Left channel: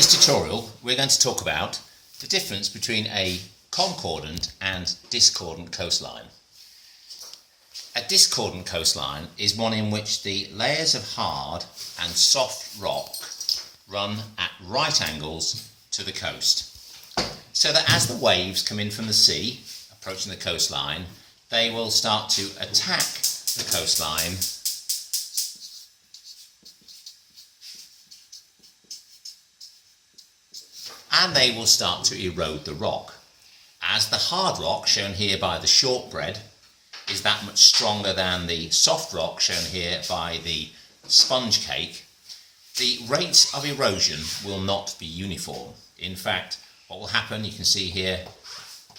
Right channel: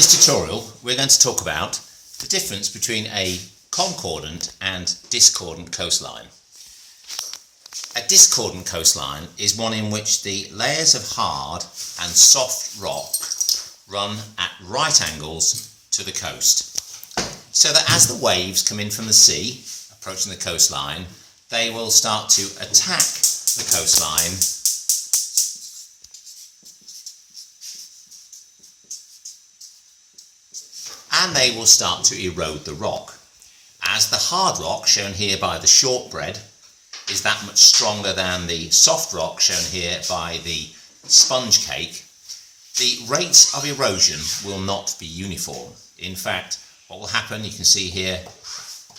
this tutorial we're going to talk about the difference between a concordant and discordant coastline. A discordant coastline is one in which the layers of hard and soft rock run at right angles to the coast, so that as the waves come in from the sea, approaching the coastline, they will start to attack the coastline and they will start to erode the rock. As the hard rock, shown here by the shortbread, is that much stronger than the soft rock, shown here by the sponge cake, the rates of erosion will not be uniform. In fact, what will happen, you can see here,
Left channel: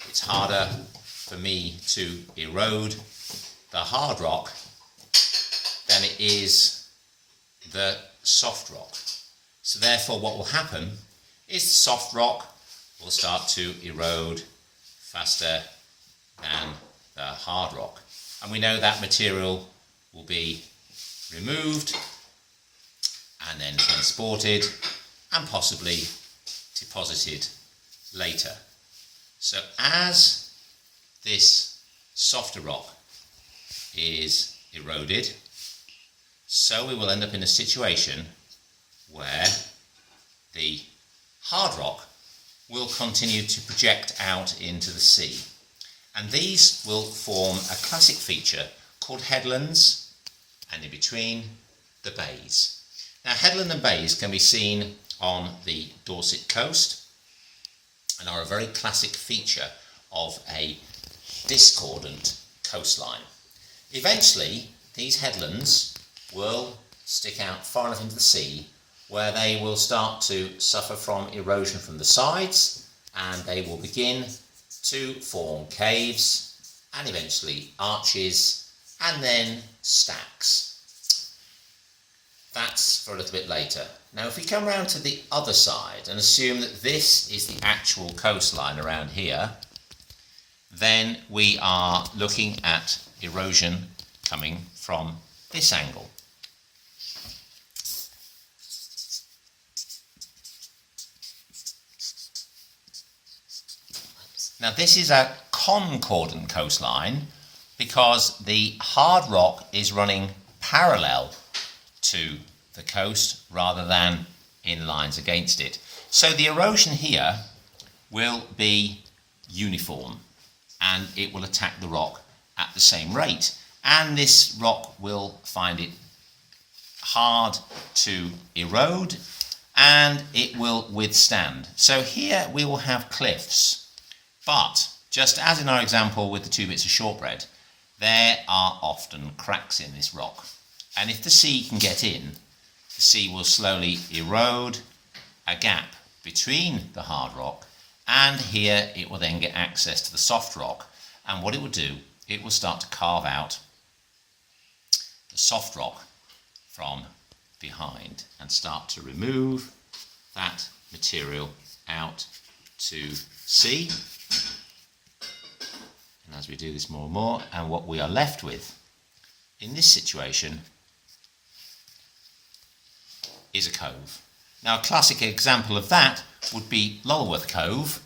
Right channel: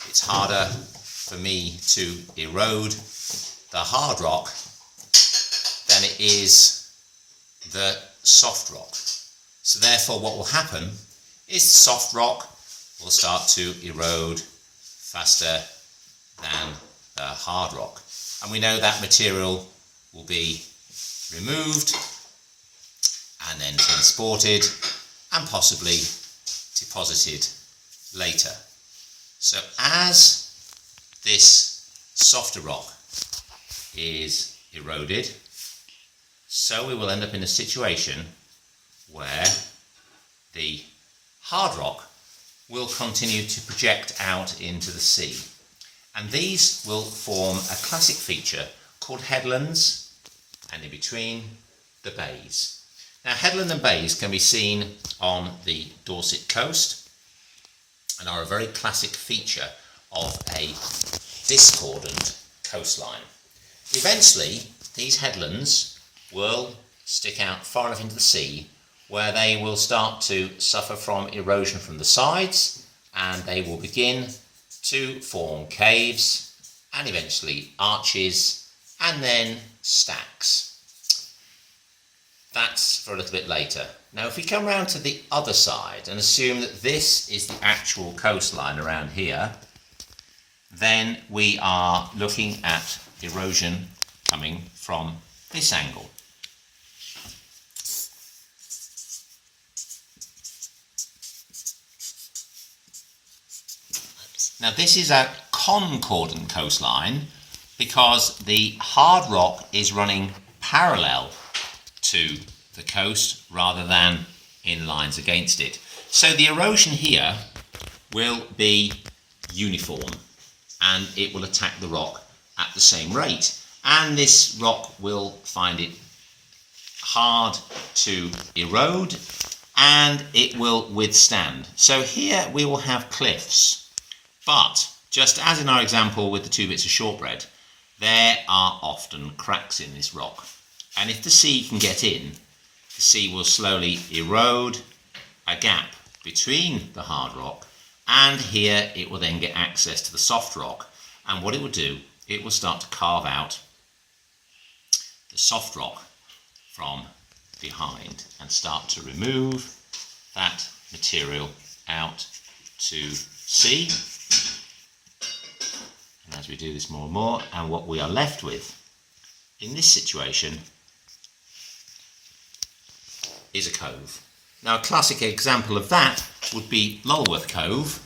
it's harder for me to erode the hard rock than it is the soft rock. So therefore what will happen is the soft rock will start to erode faster than the hard rock. And we know that material will be removed and then transported and possibly deposited later. So as this softer rock is eroded, so we will end up in a situation where the hard rock will continue to project out into the sea. And these will form a classic feature called headlands, and in between the bays. Now headland and bays can be seen on the Dorset coast and are a very classic feature of a discordant coastline. Eventually these headlands will stick out far enough into the sea where they will start to suffer from erosion from the sides, and they will begin to form caves and eventually arches and then stacks. That's for a little bit later. Now if we come round to the other side and assume that this is the actual coastline around here, then we are looking at erosion coming from this angle. Now this is a concordant coastline because the hard rock is running parallel to the coast rather than in lines against it. So the erosion here will be uniform and it will attack the rock at the same rate, and this rock will find it hard to erode and it will withstand. So here we will have cliffs. But, just as in our example with the two bits of shortbread, there are often cracks in this rock. And if the sea can get in, the sea will slowly erode a gap between the hard rock, and here it will then get access to the soft rock. And what it will do, it will start to carve out the soft rock from behind and start to remove that material out to sea. As we do this more and more, and what we are left with in this situation is a cove. Now a classic example of that would be Lulworth Cove,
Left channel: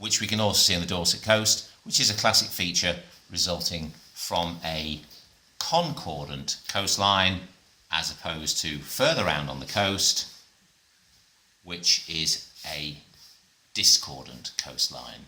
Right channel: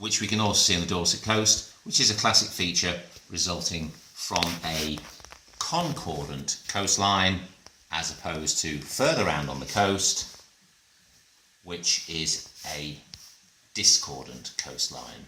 which we can also see on the Dorset coast, which is a classic feature resulting from a concordant coastline as opposed to further round on the coast, which is a discordant coastline.